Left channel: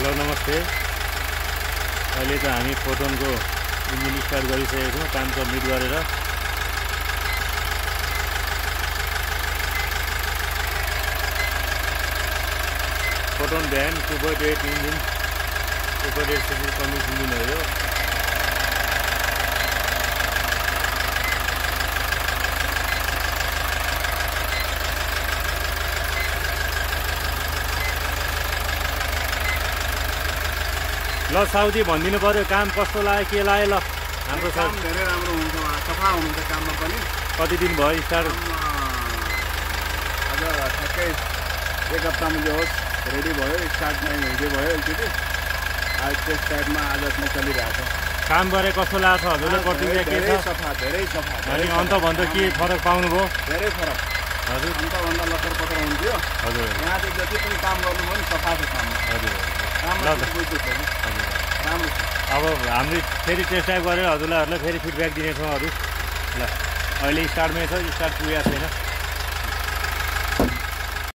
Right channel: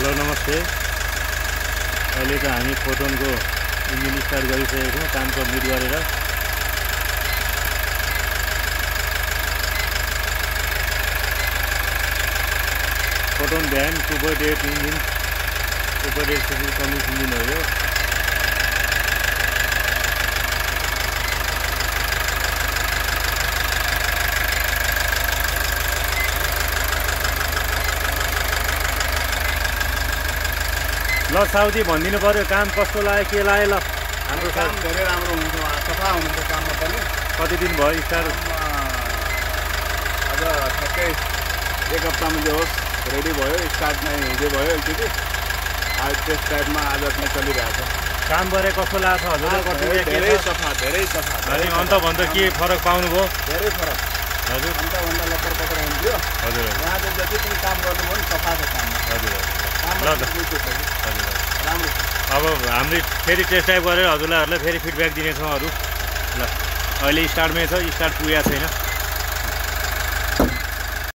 Hello नमस्ते। अहिले त हामी फोटोनको इन्जिन स्टार्ट गरिसकेको छौँ काम कम्प्लिट गरेर। Foton van 2.8 engine 2.8 CC Cummins engine हो यो। ल साउदी भनिदिनु पर्यो काम कस्तो लाग्यो, के लाग्यो? ल हाम्रो काम धेरै राम्रो हुन्छ, सफा हुनुहुन्छ काममा पनि। कति दिन भयो स्टार्ट? आज ठ्याक्कै एक हप्तामा जो होस् रेडी भयो, स्टार्ट नै हिजो भयो एकचोटि। आज त्यस टाइपमा आज नै चलिरहेको छ काम गरे कस्तो लाग्छ हजुरले? धेरै सफा, धेरै सफा। अन्तभन्दा के फरक पाउनुभयो? धेरै फरक हजुर। अन्तभन्दा लक्कर पत्र हुन्थ्यो, हजुर यहाँ चाहिँ जति पनि काम गर्नुभयो नि सफा छ काममा। हजुर राम्रो छ। अब हामीले फेरि टेस्ट ड्राइभ गरेर हजुरलाई फेरि फिडब्याक दिनेछौँ अरू। ल अहिले स्टार्टमै छ, स्टार्ट पुगेको छैन।